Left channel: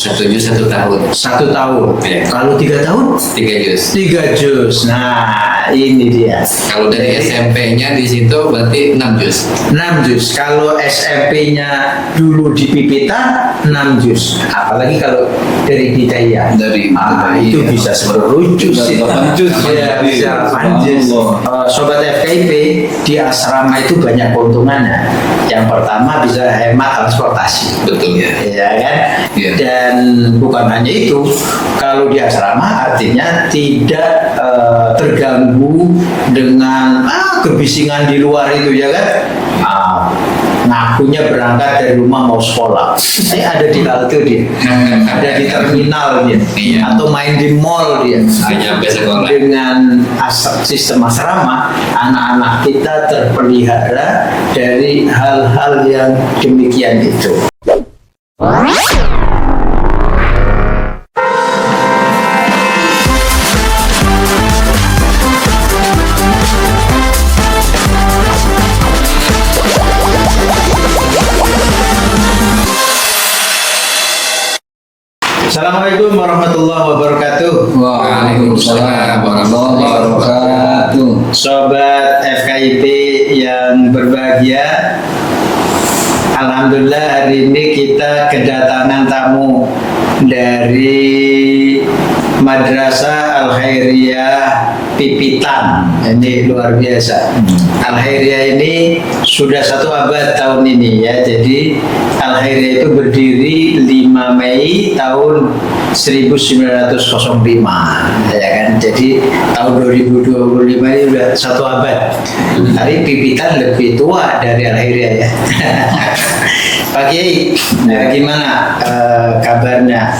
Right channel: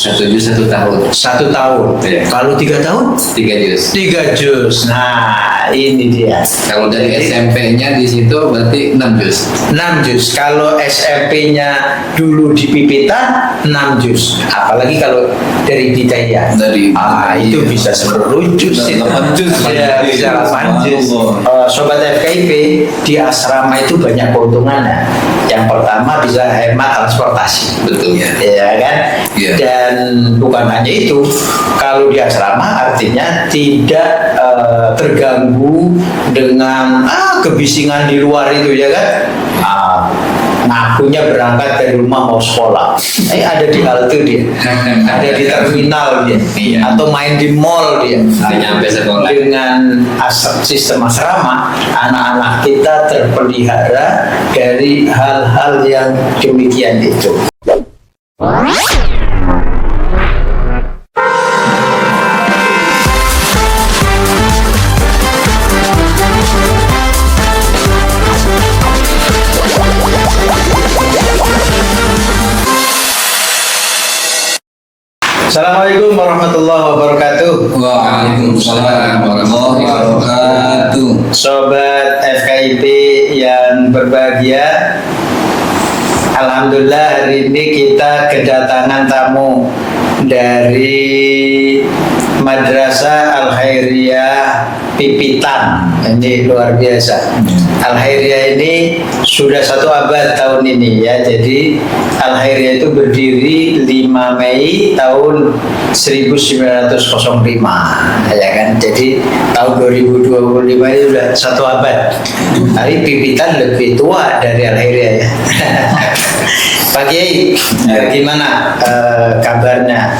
1 juz 1 tahun. 1 tahun. Iya. Kalau 3 tahun? 3 juz. 3 juz. Nah, ini dia. Kalau dari SMP-nya di situ berarti 6 juz. 6 juz. Kalau SMP-nya dulu di Pipitan 6 juz. Apalagi kalau dari Bidayah. Dari itu iya. bisa 10 juz. 8 juz. Ya, bisa 8 juz. Sobat FKIP, di asrama itu banyak keuntungannya. Yang pertama bisa hemat transportasi. Betul ya. Ya kan? Iya. Dan bukan hanya itu, kalau di asrama artinya tidak terganggu dengan kebisingan di luar itu ya kan. Ngakunya berangkat dari rumah mau sekolah, ada di halte dia, ada di terminal dia, Iya. atau main di mall dia. Nyampe sekolah. Dengan sistem asrama, anak-anak kita terpelihara dari hal-hal yang demikian itu. Assalamualaikum warahmatullahi wabarakatuh. Waalaikumsalam warahmatullahi wabarakatuh. Sobat FKIP yang berbahagia, alhamdulillah hari ini kita kedatangan tamu dari Madrasah Al-Khairiyah Pipitan. Ini luar biasa. Al-Khairiyah ini sudah 1 abad tahun ini ya. Jadi Al-Khairiyah itu berdiri 5 Mei tahun 1905 ya kan. Jadi tahun 2025 ini sudah 1 abad. Tapi Pipitan lebih tua dari Al-Khairiyah ya. Pak Kiai, gimana kabarnya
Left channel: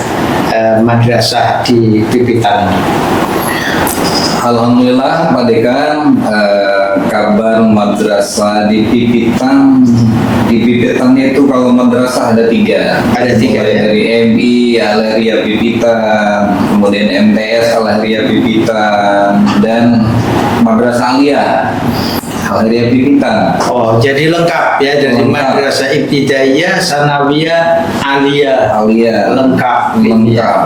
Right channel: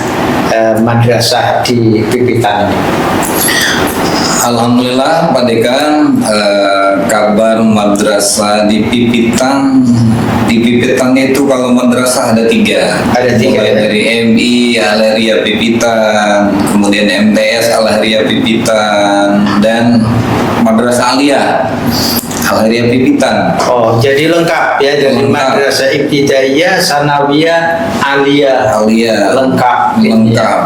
madrasah di Pipitan? Alhamdulillah Pak Dekan, kabar madrasah di Pipitan itu kalau madrasah ada 3. Ada 3. Mulai dari MI Al-Khairiyah Pipitan, kemudian MTS Al-Khairiyah Pipitan, dan Madrasah Aliyah Al-Khairiyah Pipitan. Oh, jadi lengkap ya, dari Lengkap. madrasah ibtidaiyah, sanawiyah, aliyah. Aliyah Lengkap.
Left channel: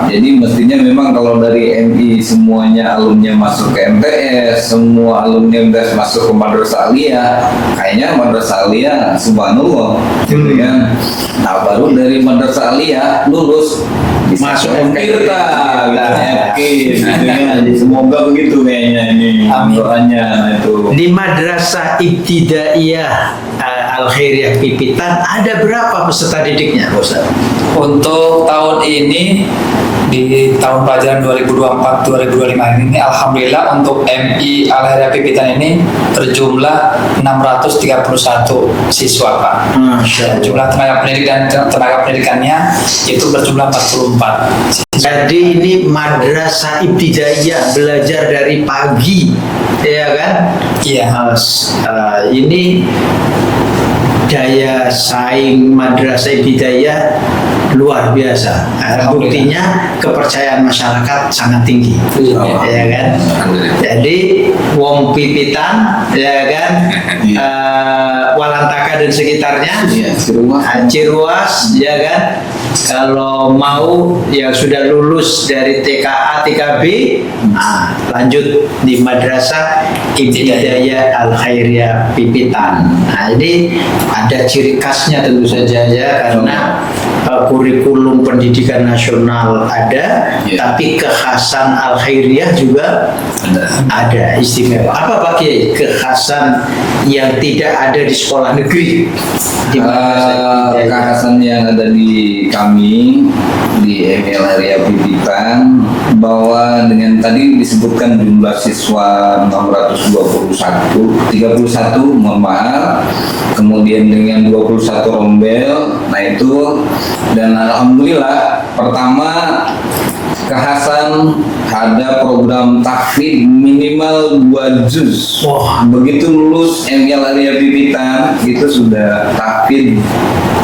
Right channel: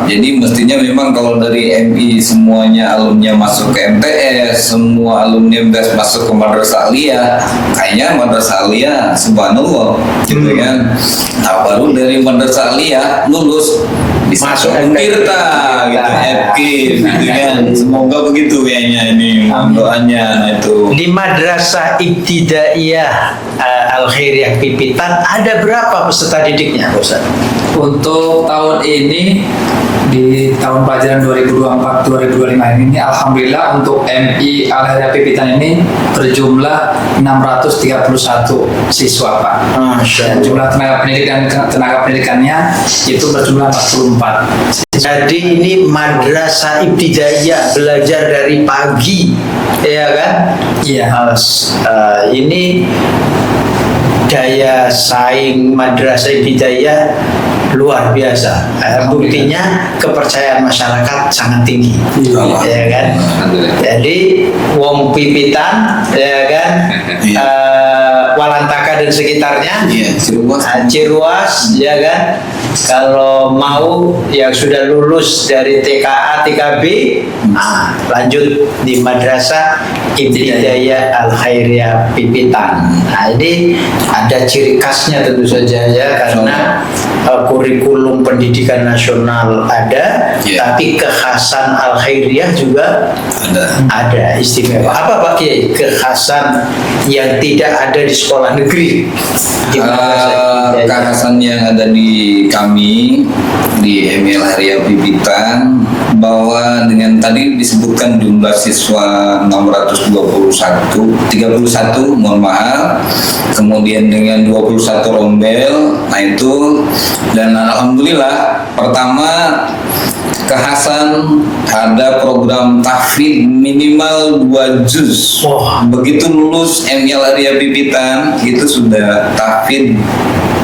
Jadi mestinya memang kalau dari MI semuanya alumni masuk ke MTS, semua alumni MTS masuk ke Madrasah Aliyah, kayaknya Madrasah Aliyah subhanallah gitu kan. Nah, baru dari Madrasah Aliyah lulus bisa Masuk masuk Tirta gitu, FK gitu kan. Semoga begitu kayaknya ini Amin. doanya. Nah, itu Di madrasah ibtidaiyah Al-Khairiyah Pipitan ada berapa peserta didiknya, Ustaz? Untuk tahun ini di tahun pelajaran 2024-2025 ini alhamdulillah untuk MI Al-Khairiyah Pipitan ini berjumlah 631 siswa Pak. Dan jumlah tenaga pendidik dan tenaga pendidikannya itu berjumlah 44. Jadi ini madrasah ibtidaiyah, belajar dari pagi, ya kan? Iya. Ini daya saing madrasah ibtidaiyah luar biasa. Buktinya kepercayaan masyarakat sangat tinggi, ya kan? Alhamdulillah. Jadi wong Pipitan, ya kan? Walantaka dan sekitarnya, iya Ciruas, ya kan? Kalau mau yang sudah lulus dari TKA, TKB, lanjut di Madrasah Ibtidaiyah Al-Khairiyah Pipitan. Nah, ini ada ciri khasnya tentu saja ya, karena kurikulum pendidikan nasional ada, tapi kekhasan Al-Khairiyah juga ada istimewa. Apa Pak Kiai kekhasan yang tidak ada di sekolah negeri? Di Madrasah Ibtidaiyah? Kekhasan yang ada di kami di MI Al-Khairiyah Pipitan, bahwa dengan tadi disebutkan jumlah siswa 631, mohon maaf, kemudian dengan 21 rombel, nah itu, dan alhamdulillah pertama kekhasan ada program tahfidz minimal 2 juz. Begitu lulus MI Al-Arya Pipitan itu sudah tahfidz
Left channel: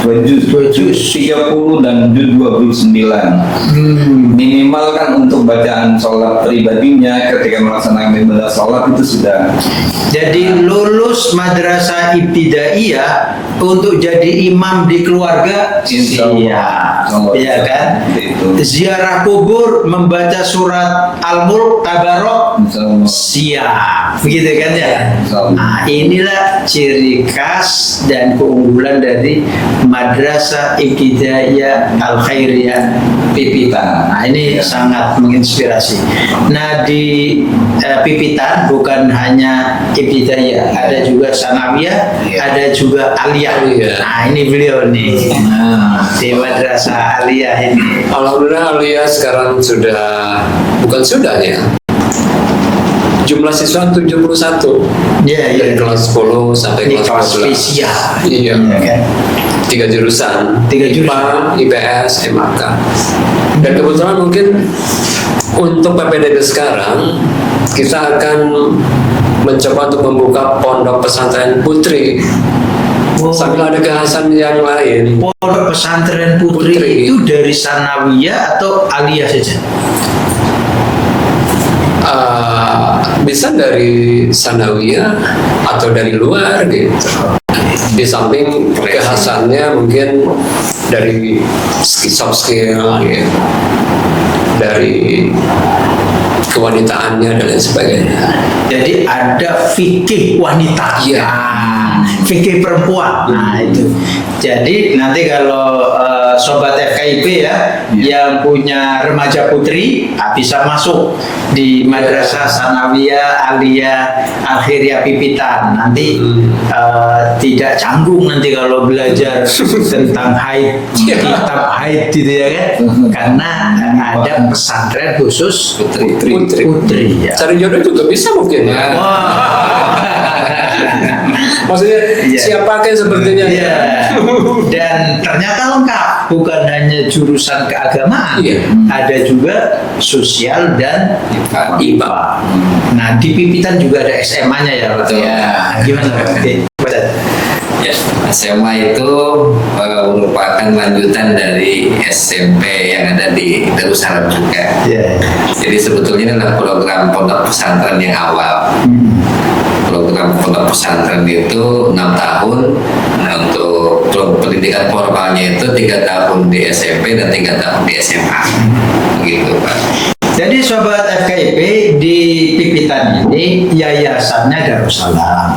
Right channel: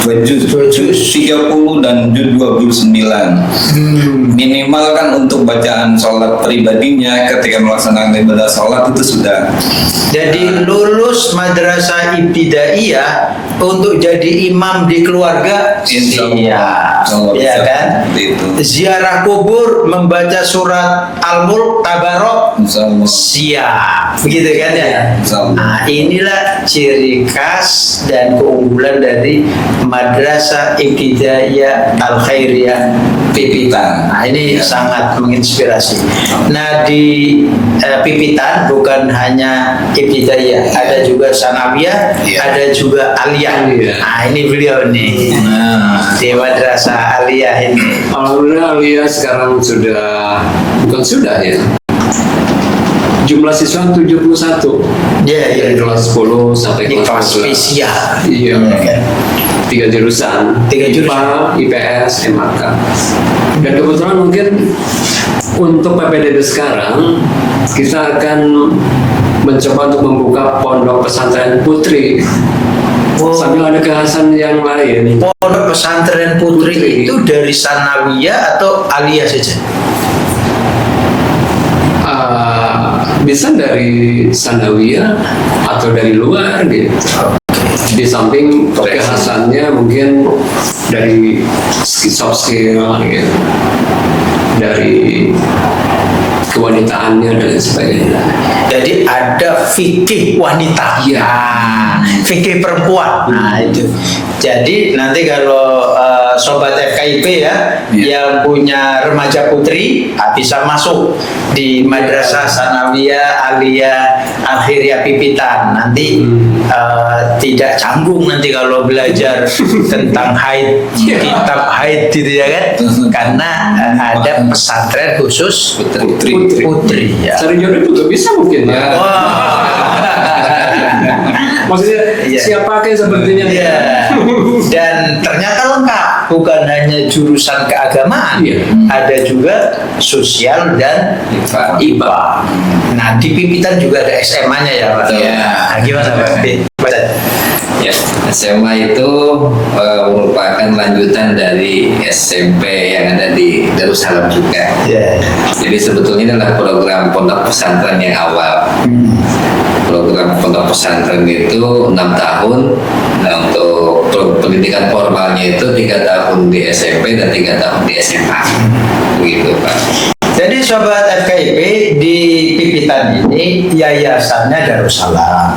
2 juz 30 dan juz 29. Minimal kan untuk bacaan sholat pribadinya ketika melaksanakan ibadah sholat itu sudah. Jadi lulus madrasah ibtidaiyah untuk jadi imam di keluarga Insya Allah. ya kan? Itu. Ziarah kubur, membaca surat Al-Mulk, Tabarok, Insya Allah. siap, begitu kan ya? Insya Allah. Nah, inilah ciri khas dan keunggulan dari Madrasah Ibtidaiyah Al-Khairiyah Pipitan. Nah, ini sangat menginspirasi. Nah, di Pipitan bukan hanya Ibtidaiyah, ada juga Sanawiyah, ada juga Aliyah. Nah, ini beliau nih. Di Madrasah Aliyah ini. Alhamdulillah Aliyah sekarang bukan sudah ya. Jumlah siswa 71. Ya, Dari kelas 10 sampai ini kelas kelas 11. spesial. Iya. Ya kan? 3 jurusan. 3 jurusan. IPA, IPS, MAK. Dan kebetulan mungkin untuk PPDB sekarang kita akan mencoba untuk membuka pondok pesantren putri. Sambil ada kekhasan yang lain. Pondok pesantren putri itu dari Sanawiyah atau Aliyah saja? Bisa dari Sanawiyah atau dari luar gitu. Di samping kekhasannya mungkin dari soft skill gitu. Dari kewanitaannya dan sebagainya. Jadi ada fikih wanita, Iya. Fikih perempuan. Nah itu. Jadi nanti kalau sobat FKIP ya, yang punya remaja putri bisa masuk di Madrasah Sanawiyah Aliyah Al-Khairiyah Pipitan. Nanti tidak canggung nanti kalau belajar tentang haid, kitab haid gitu ya kan? Karena ada pesantren khusus putri ya. Cari jodoh juga bisa mungkin ya. Maksudnya siapa kan sepertinya ya. Dan ternyata lengkap, bukan hanya jurusan keagamaan, ada juga sosial dan IPA. Nah di Pipitan juga ada SMA-nya ya Pak. Nah, gimana Pak? Ya, SMA itu merupakan lanjutan dari SMP yang ada di Darussalam juga. Jadi sebetulnya ini adalah program pondok pesantren yang awal. Program pondok pesantren itu 6 tahun. Nah, untuk pendidikan formalnya itu 3 tahun di SMP dan 3 tahun di SMA. Begitu Pak. Jadi sobat FKIP di Pipitan ini yayasannya Darussalam,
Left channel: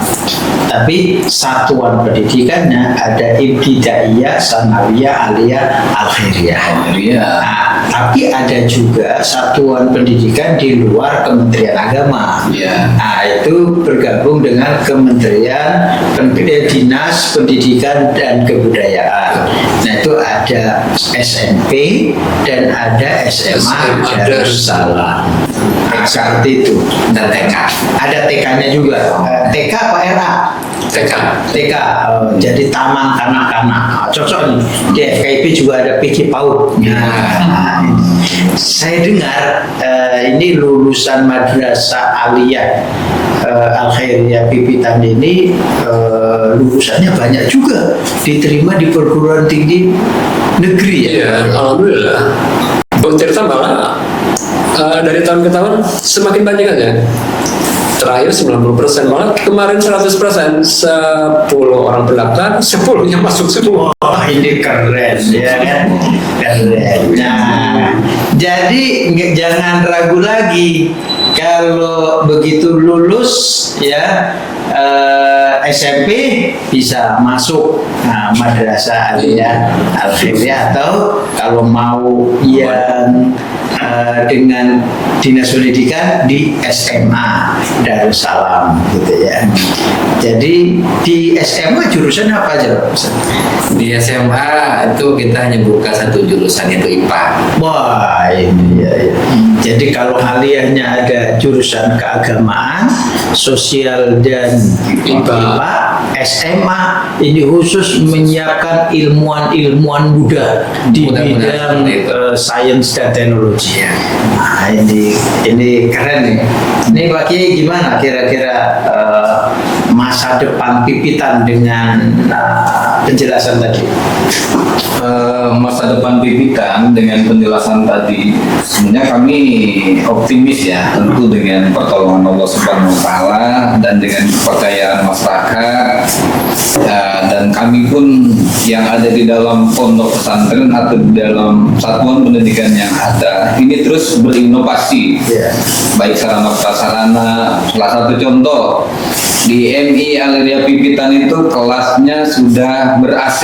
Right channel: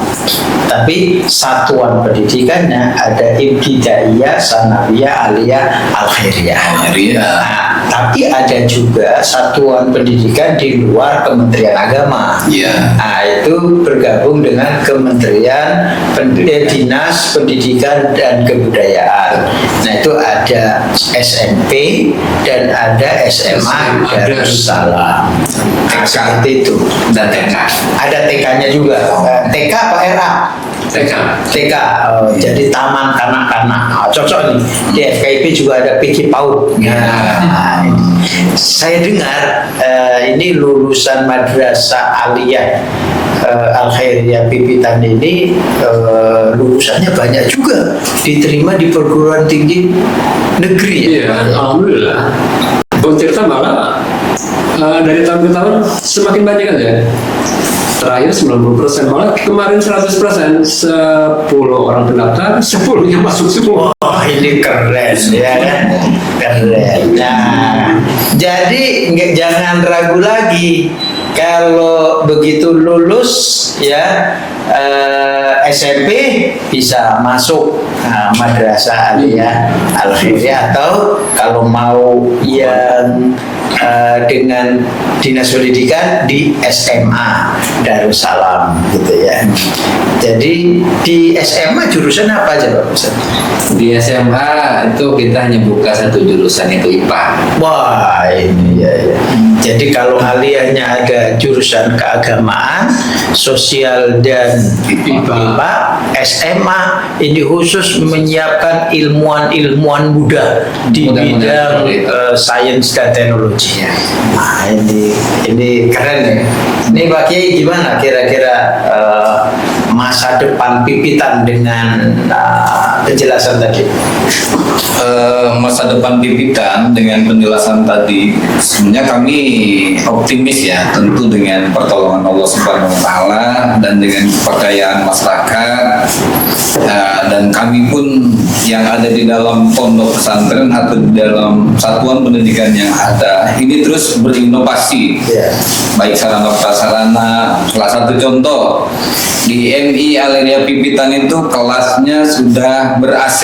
tapi satuan pendidikannya ada Ibtidaiyah, Sanawiyah, Aliyah, Al-Khairiyah. Nah, tapi ada juga satuan pendidikan di luar Kementerian Agama. Nah, itu bergabung dengan Kementerian Dinas Pendidikan dan Kebudayaan. Nah, itu ada SMP dan ada SMA Darussalam. Seperti itu. Dan TK. Ada TK-nya juga. TK apa RA? TK. Jadi taman kanak-kanak. Cocok nih. Di FKIP juga ada PK PAUD. Saya dengar ini lulusan Madrasah Aliyah Al-Khairiyah Pipitan ini lulusannya banyak juga diterima di perguruan tinggi negeri. Iya, alhamdulillah. Tirta malah dari tahun ke tahun semakin banyak aja. Terakhir 90%, malah kemarin 100%. 10 orang terdaftar, 10-nya masuk semua. Ini keren ya kan? Keren. Nah, jadi jangan ragu lagi kalau begitu lulus ya SMP bisa masuk Madrasah Aliyah Al-Khairiyah, atau kalau mau yang dengan dinas pendidikan di SMA Darussalam gitu ya. Jadi di SMA jurusan apa aja Pak Ustaz? Di SMA itu kita hanya buka satu jurusan, itu IPA. Wah ini ya. Jadi kalau aliyahnya ada jurusan keagamaan, sosial dan IPA, SMA ini khusus menyiapkan ilmuwan-ilmuwan muda di bidang sains dan teknologi. Nah, ini keren nih. Ini Pak Kiai gimana kira-kira masa depan Pipitan dengan penjelasan tadi? Masa depan Pipitan dengan penjelasan tadi, sebenarnya kami optimis ya, tentu dengan pertolongan Allah Subhanahu Wa Taala dan dengan kepercayaan masyarakat ya, dan kami pun yang ada di dalam pondok pesantren atau di dalam satuan pendidikan yang ada ini terus berinovasi, baik sarana prasarana. Salah satu contoh di MI Al-Hidayah Pipitan itu kelasnya sudah ber-AC.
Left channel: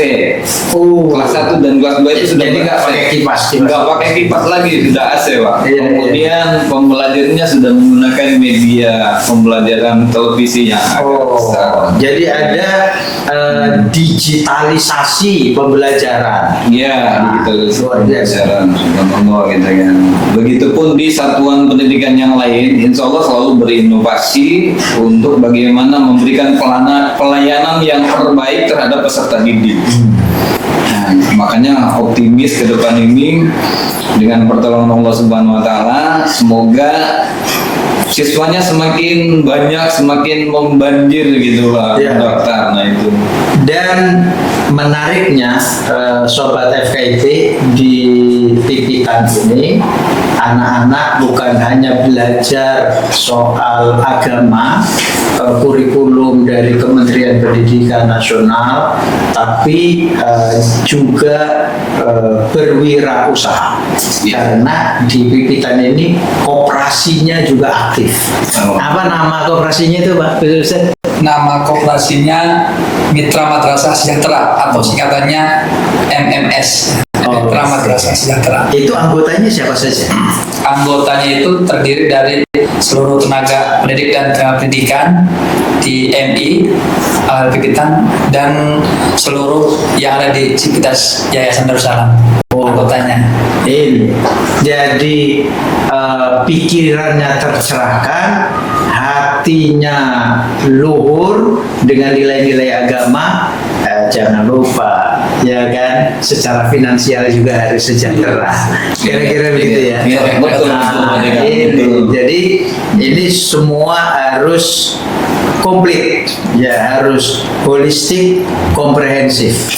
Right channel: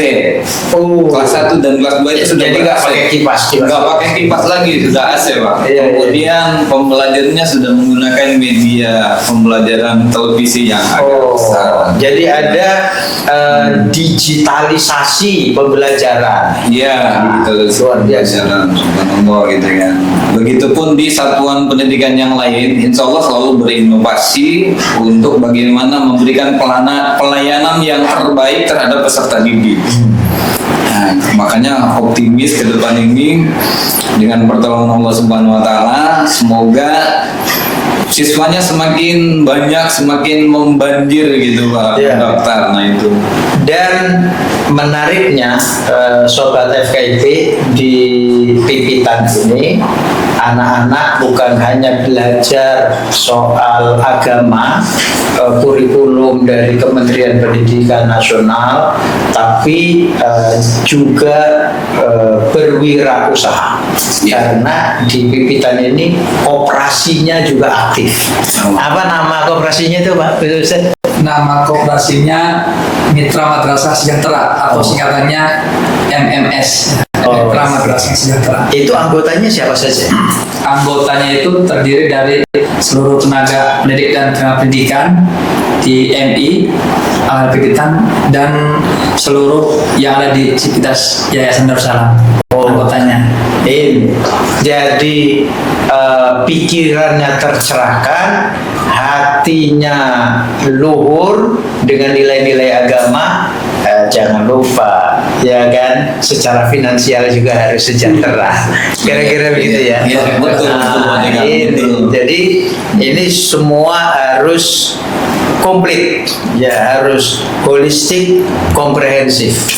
Kelas 1 dan kelas 2 itu sudah jadi nggak pakai kipas, nggak pakai kipas lagi, sudah AC Pak. Iya. Kemudian pembelajarannya sudah menggunakan media pembelajaran televisi yang agak besar. Jadi ada digitalisasi pembelajaran. Iya, digitalisasi Luar biasa. pembelajaran, subhanallah gitu kan. Begitupun di satuan pendidikan yang lain, insya Allah selalu berinovasi untuk bagaimana memberikan pelayanan yang terbaik terhadap peserta didik. Nah, makanya optimis ke depan ini dengan pertolongan Allah Subhanahu Wa Taala, semoga siswanya semakin banyak, semakin membanjir gitu Pak Dokter. Nah itu. Dan menariknya Sobat FKIP di Pipitan ini anak-anak bukan hanya belajar soal agama, kurikulum dari Kementerian Pendidikan Nasional, tapi juga berwirausaha. Karena di Pipitan ini operasinya juga aktif. Apa nama kooperasinya itu Pak? Nama kooperasinya Mitra Madrasah Sejahtera atau singkatannya MMS. Mitra Madrasah Sejahtera. Itu anggotanya siapa saja? Anggotanya itu terdiri dari seluruh tenaga pendidik dan tenaga pendidikan di MI Al Pipitan dan seluruh yang ada di Sivitas Yayasan Darussalam. Anggotanya. Jadi pikirannya tercerahkan, hatinya luhur dengan nilai-nilai agama. Jangan lupa, ya kan, secara finansial juga harus sejahtera. Kira-kira begitu ya. Iya, betul. Jadi ini semua harus komplit, ya harus holistik, komprehensif.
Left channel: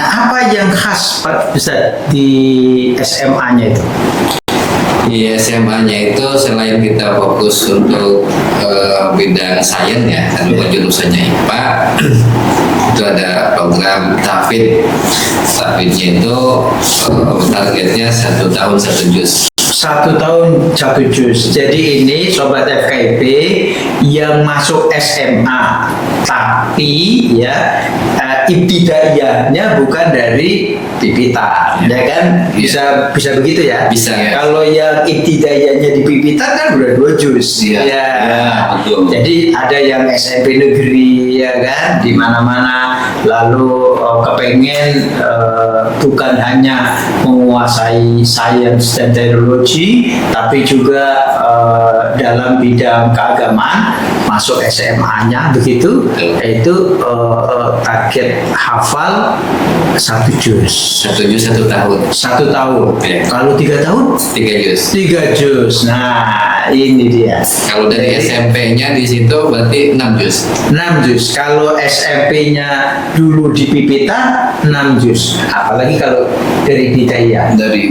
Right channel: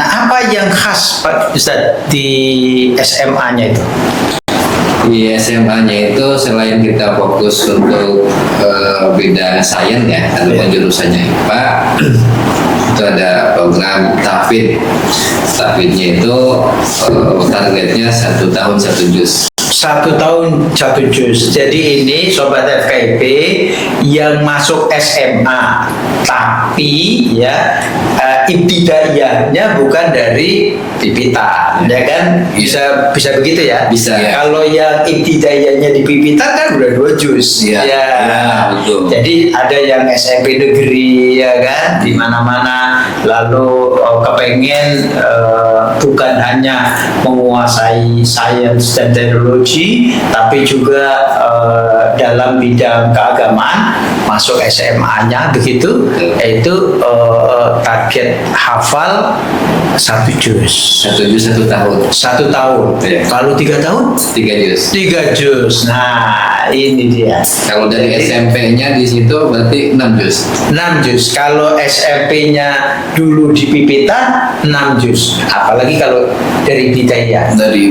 Nah, apa yang khas Pak Ustadz di SMA-nya itu? Di SMA-nya itu selain kita fokus untuk bidang sains ya, karena jurusannya IPA, itu ada program tahfidz. Tahfidznya itu targetnya 1 tahun 1 juz. 1 tahun 1 juz. Jadi ini Sobat FKIP yang masuk SMA, tapi ya ibtidaiyahnya bukan dari Pipitan, ya kan? Bisa begitu ya? Bisa. Kalau yang ibtidaiyahnya di Pipitan kan udah 2 juz. Iya. Ya, betul. Jadi ada yang SMP negeri, ya kan, di mana-mana. Lalu kepengen bukan hanya menguasai sains dan teknologi, tapi juga dalam bidang keagamaan, masuk SMA-nya begitu, yaitu target hafal 1 juz. 1 juz 1 tahun. 1 tahun. Ya. Kalau 3 tahun? 3 juz. 3 juz. Nah, ini dia. Kalau dari SMP-nya di situ berarti 6 juz. 6 juz. Kalau SMP-nya dulu di Pipitan 6 juz. Apalagi kalau dari Bidayah. Dari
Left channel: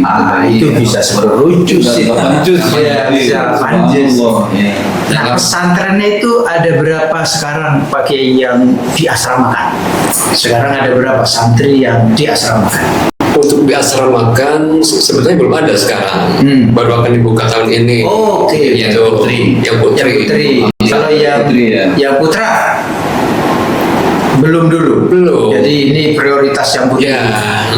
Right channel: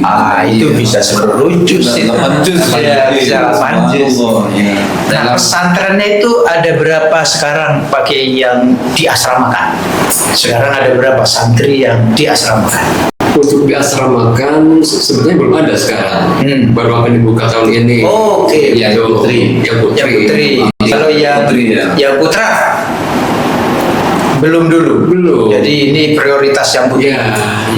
itu bisa 10 juz. 8 juz. Ya, bisa 8 juz. Ya. Nah, pesantrennya itu ada berapa sekarang pakai yang diasramakan? Sekarang ada berapa santri yang diasramakan? Untuk diasramakan sebenarnya belum ada sekarang. Baru akan dibuka tahun ini. Oh, oke. Yang putri. Yang putri. Yang putri. Kalau yang Putri, ya. yang putra Belum dulu. Belum. Jadi ini prioritas yang Ya,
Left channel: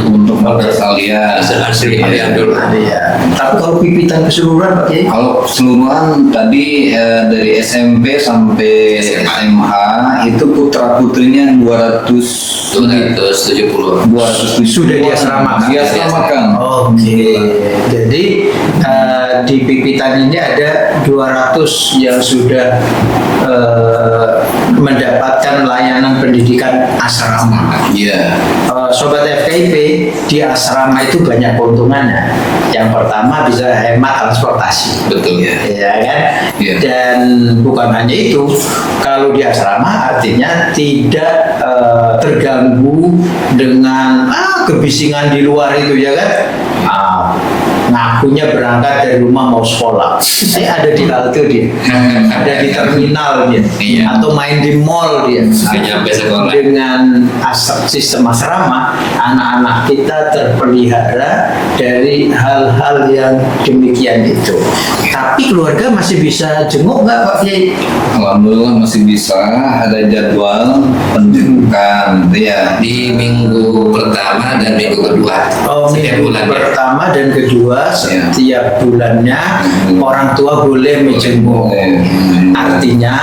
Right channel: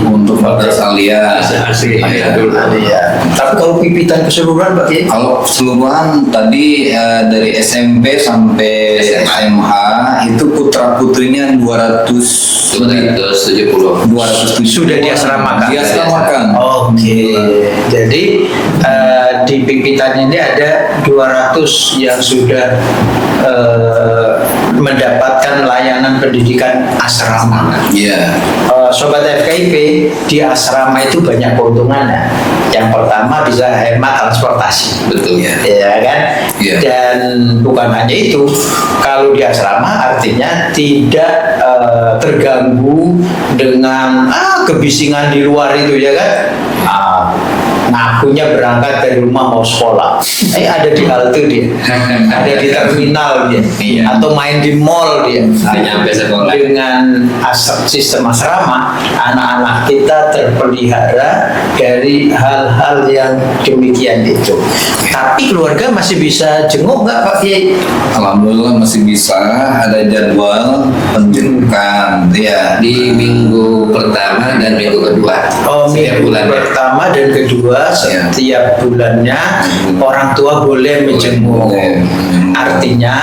untuk madrasah aliyah. asli ya dulu. Iya. Tapi kalau pipitan keseluruhan Pak Kiai? Kalau keseluruhan tadi dari SMP sampai SMA itu putra putrinya 270. 270 Sudah diasramakan. Diasramakan. Oke. Jadi di pipitan ini ada 200 yang sudah mendapatkan layanan pendidikan asrama. Iya. Sobat FKIP, di asrama itu banyak keuntungannya. Yang pertama bisa hemat transportasi. Betul ya. Ya kan? Iya. Dan bukan hanya itu, kalau di asrama artinya tidak terganggu dengan kebisingan di luar itu ya kan? Ngakunya berangkat dari rumah mau sekolah, ada di halte dia, ada di terminal dia, Iya. atau main di mall dia. Nggak nyampe sekolah. Dengan sistem asrama, anak-anak kita terpelihara dari hal-hal yang demikian itu. Tapi keluarga masih bisa jenguk nggak Pak Kiai? Alhamdulillah masih bisa, ada jadwal penjemputan ya. Di minggu pertama dan minggu kedua. Setiap Minggu bulan. pertama dan kedua setiap bulannya orang tua boleh menjenguk. Artinya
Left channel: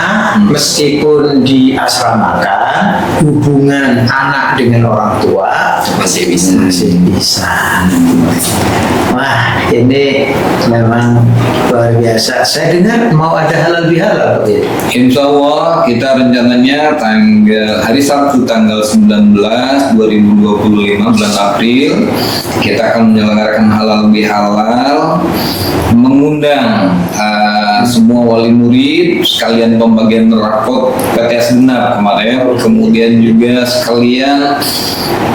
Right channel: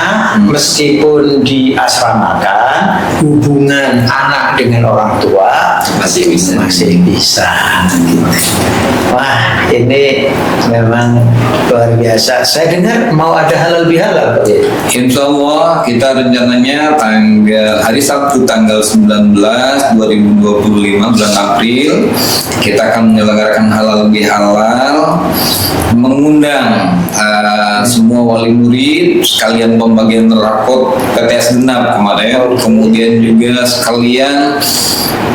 meskipun diasramakan, hubungan anak dengan orang tua Masih bisa. masih bisa. Wah, ini memang luar biasa. Saya dengar mau ada halal bihalal. Insya Allah kita rencananya hari Sabtu tanggal 19 2025 bulan April kita akan menyelenggarakan halal bihalal, mengundang semua wali murid sekalian pembagian rapot PTS genap kemarin, kemudian juga sekalian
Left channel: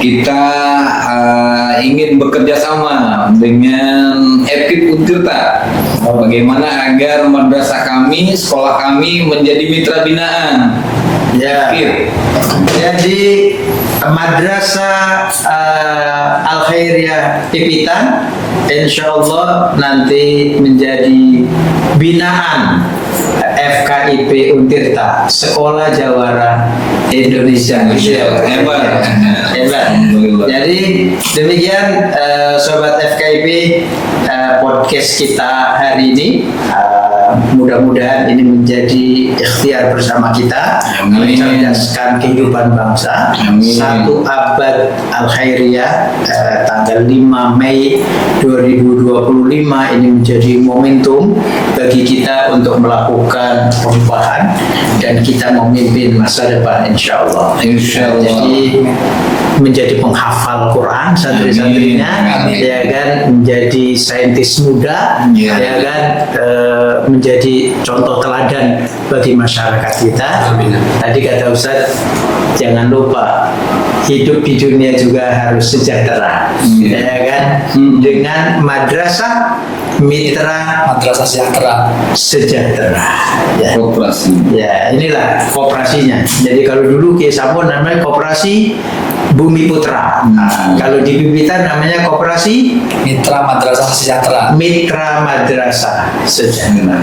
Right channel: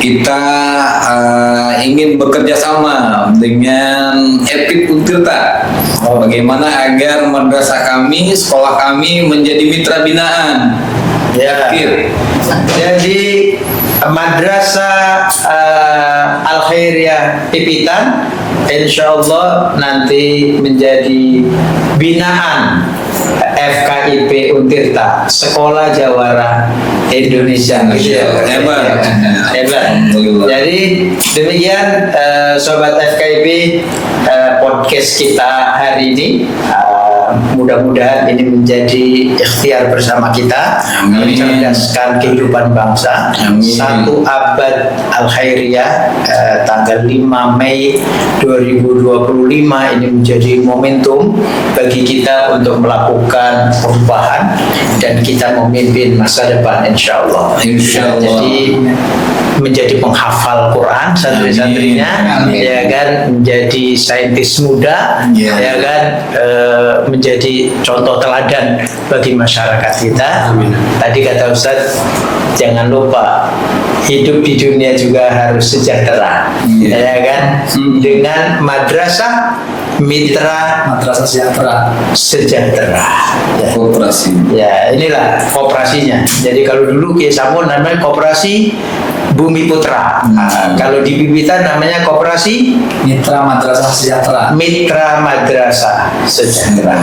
kita ingin bekerja sama dengan EPIP Untirta. Bagaimana agar madrasah kami, sekolah kami menjadi mitra binaan. Ya. EPIP. Jadi Madrasah Al Khairiyah Pipitan insya Allah nanti menjadi binaan FKIP Untirta, Sekolah Jawara Indonesia. Hebat. Hebat. Alhamdulillah. Jadi demikian sobat FKIP podcast kita hari ini. Mudah-mudahan ini menjadi ikhtiar bersama kita Amin. mencerdaskan kehidupan bangsa. Amin. 1 abad Al Khairiyah tanggal 5 Mei 2025 ini menjadi momentum bagi kita untuk melakukan perubahan dan kita memimpin masa depan insya Allah. Insya Allah. Jadi menjadi penghafal Quran santri-santrinya, Amin. ya kan, menjadi saintis muda, Ya. ya kan, menjadi contoh teladan bagi masyarakat kita. Amin. Tadi kata Ustadz, jangan lupa hidup di dunia juga harus sejahtera, Iya. ya kan, dengan madrasah mitra Madrasah sejahtera. sejahtera. Ya. Koperasi. Ya, inilah kooperasinya. Jadi kalau dulu Kiai Sampun namanya kooperasi Bumi Putra. Nah, kalau di Pipitan namanya kooperasi Mitra Madrasah Sejahtera. Mitra Madrasah Sejahtera.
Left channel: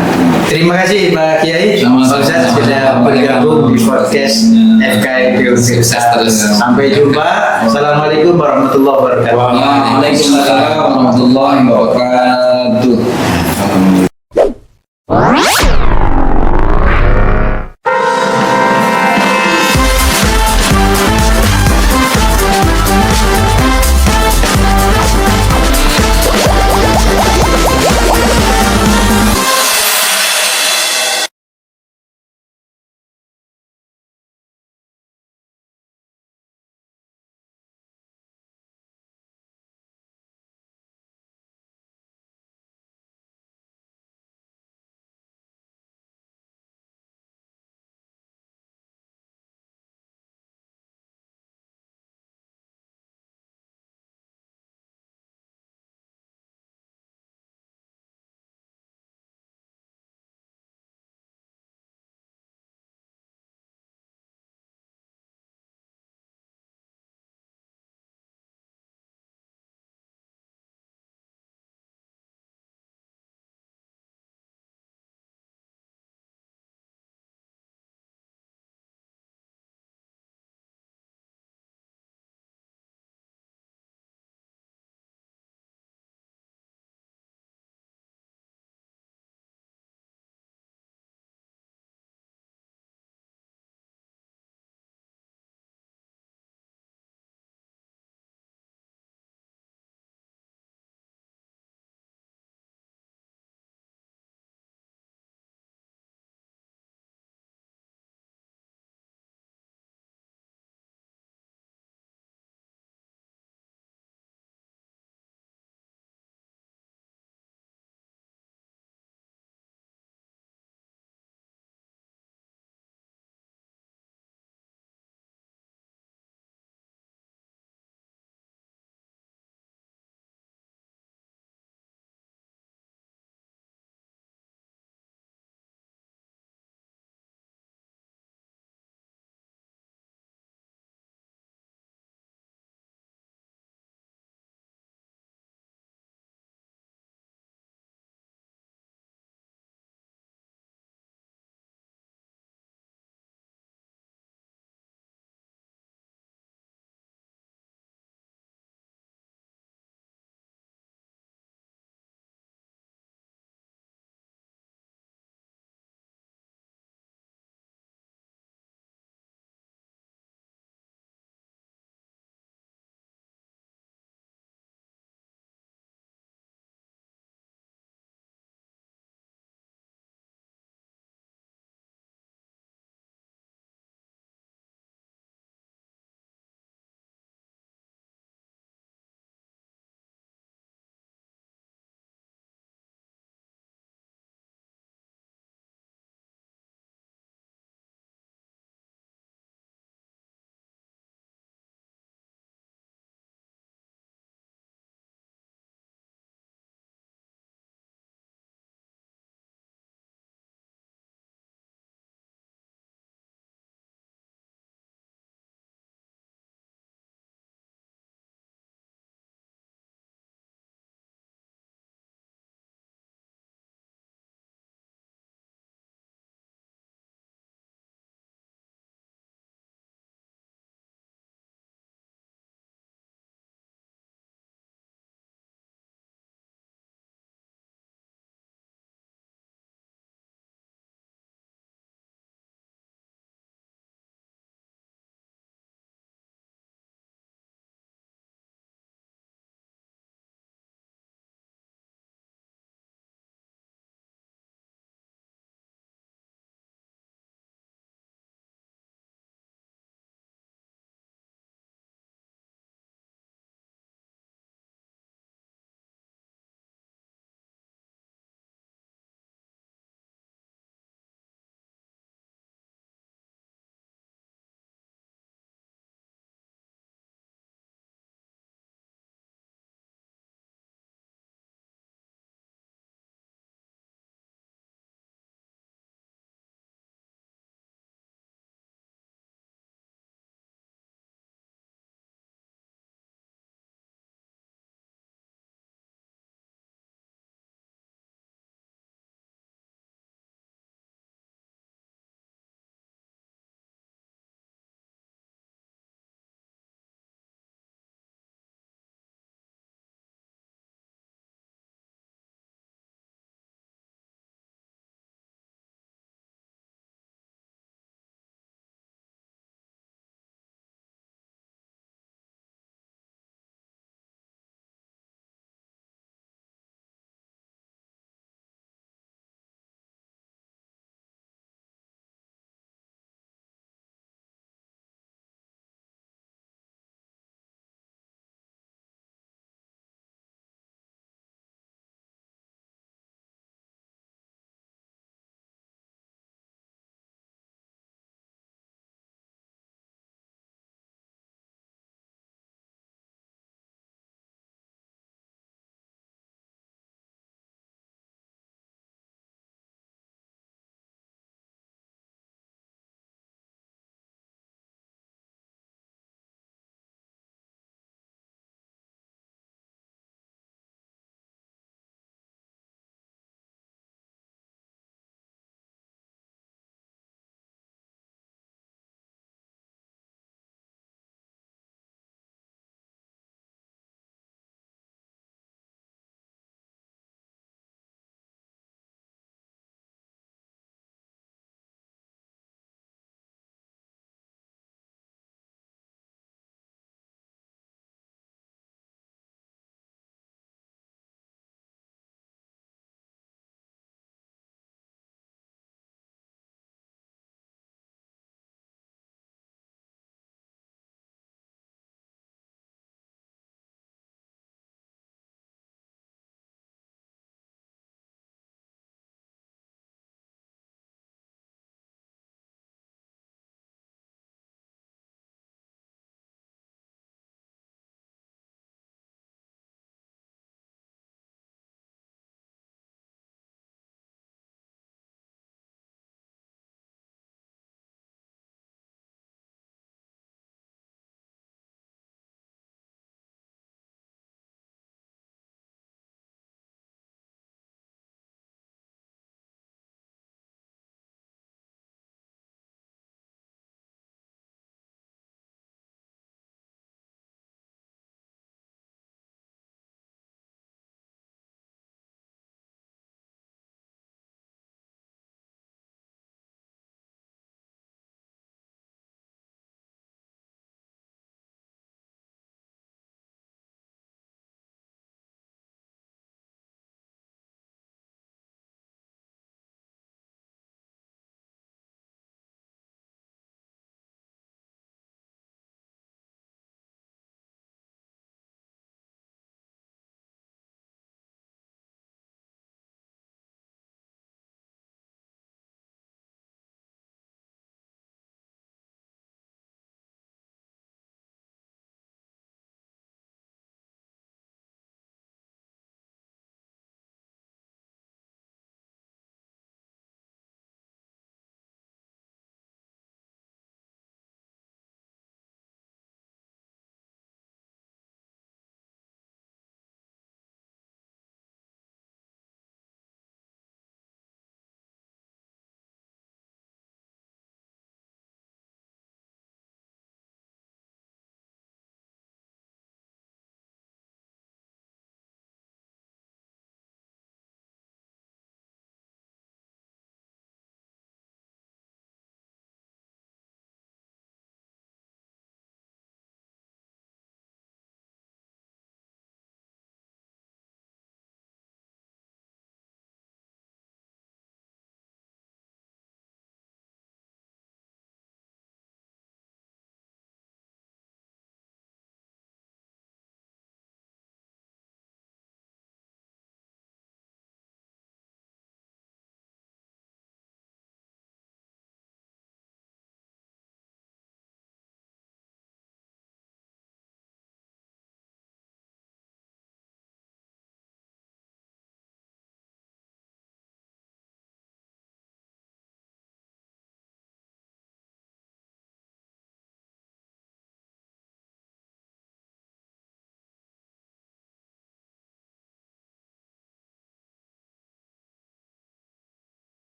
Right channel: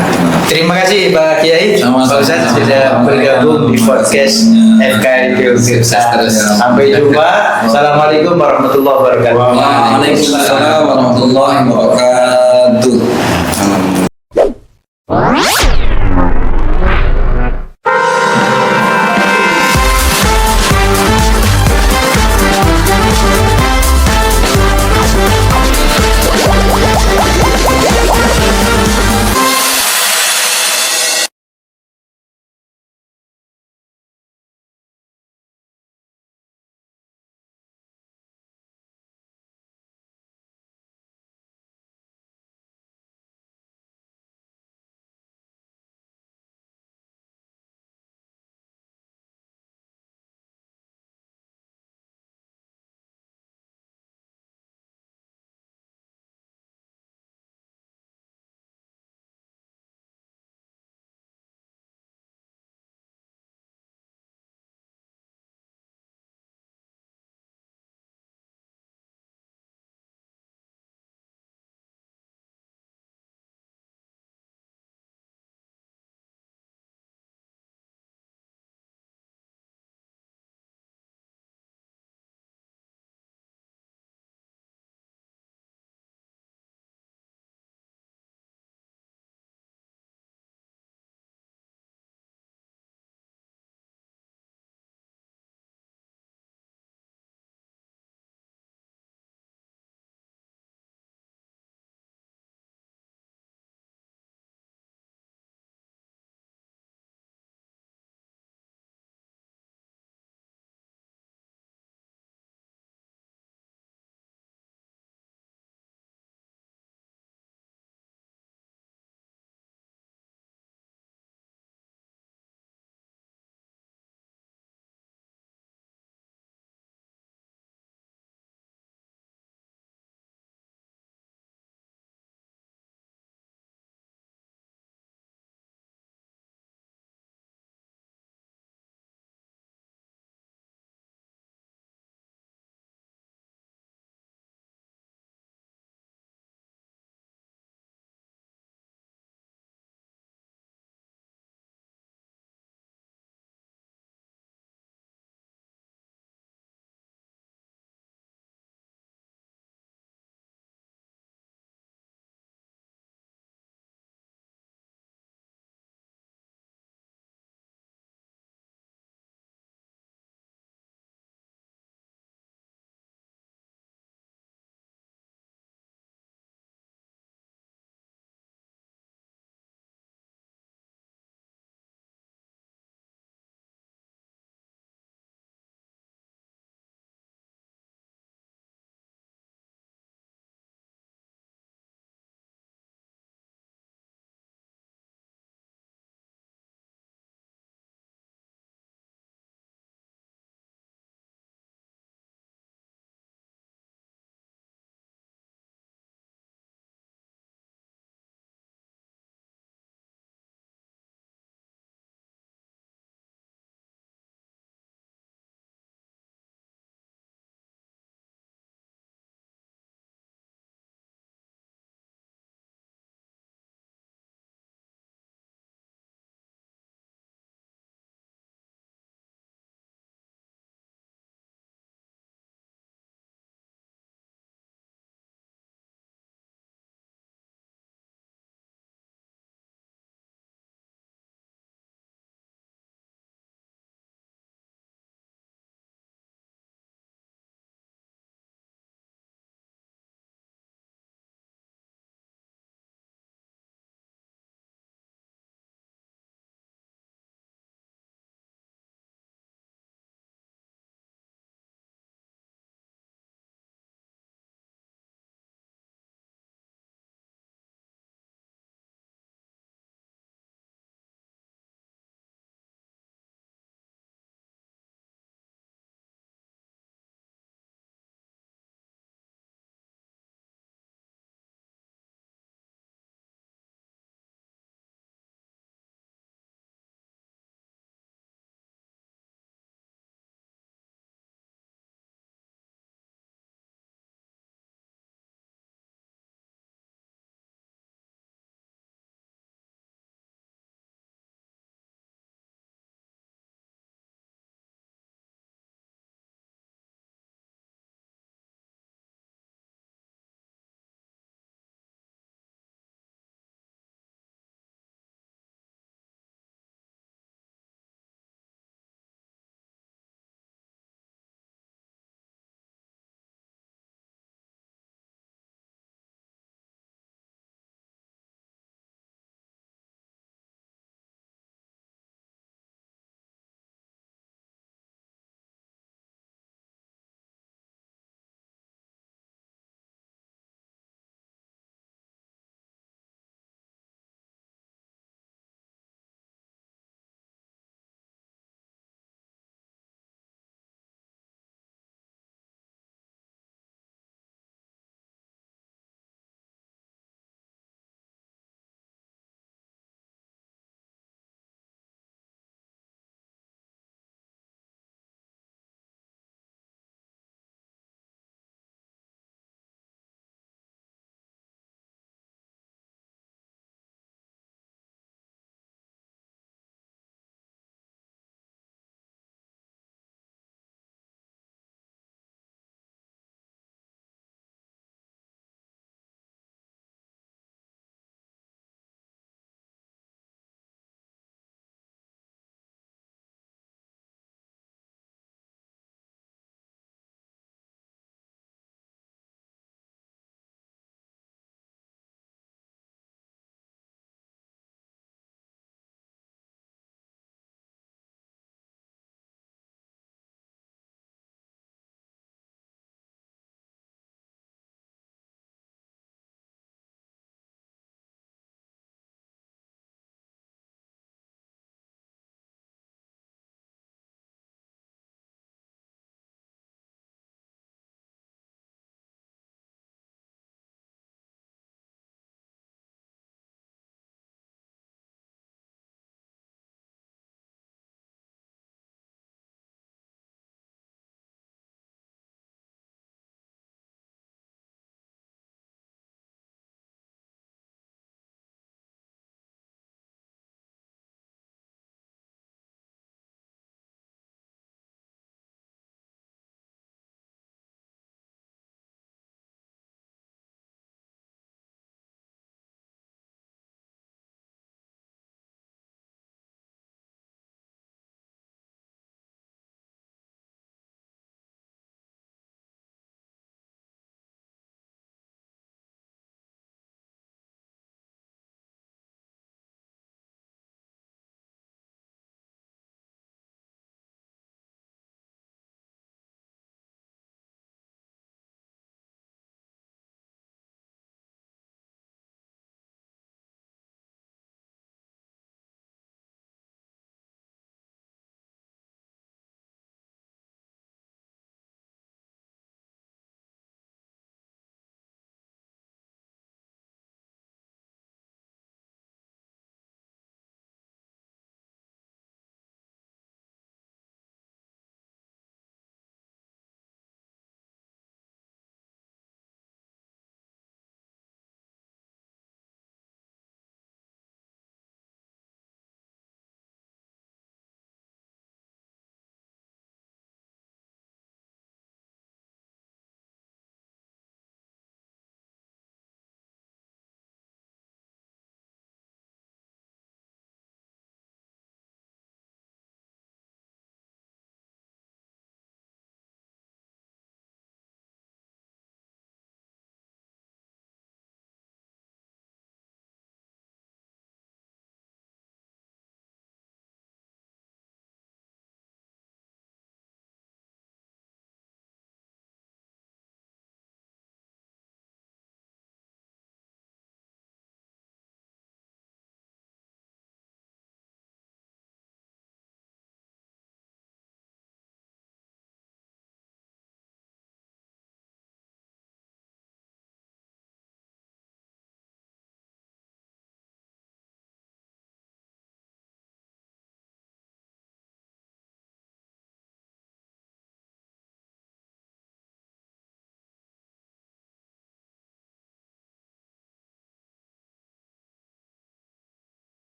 Terima kasih Pak Kiai Sama-sama. Pak Ustadz sudah bergabung di podcast FKIP Untirta. Sampai jumpa. Assalamualaikum warahmatullahi wabarakatuh. Waalaikumsalam warahmatullahi wabarakatuh.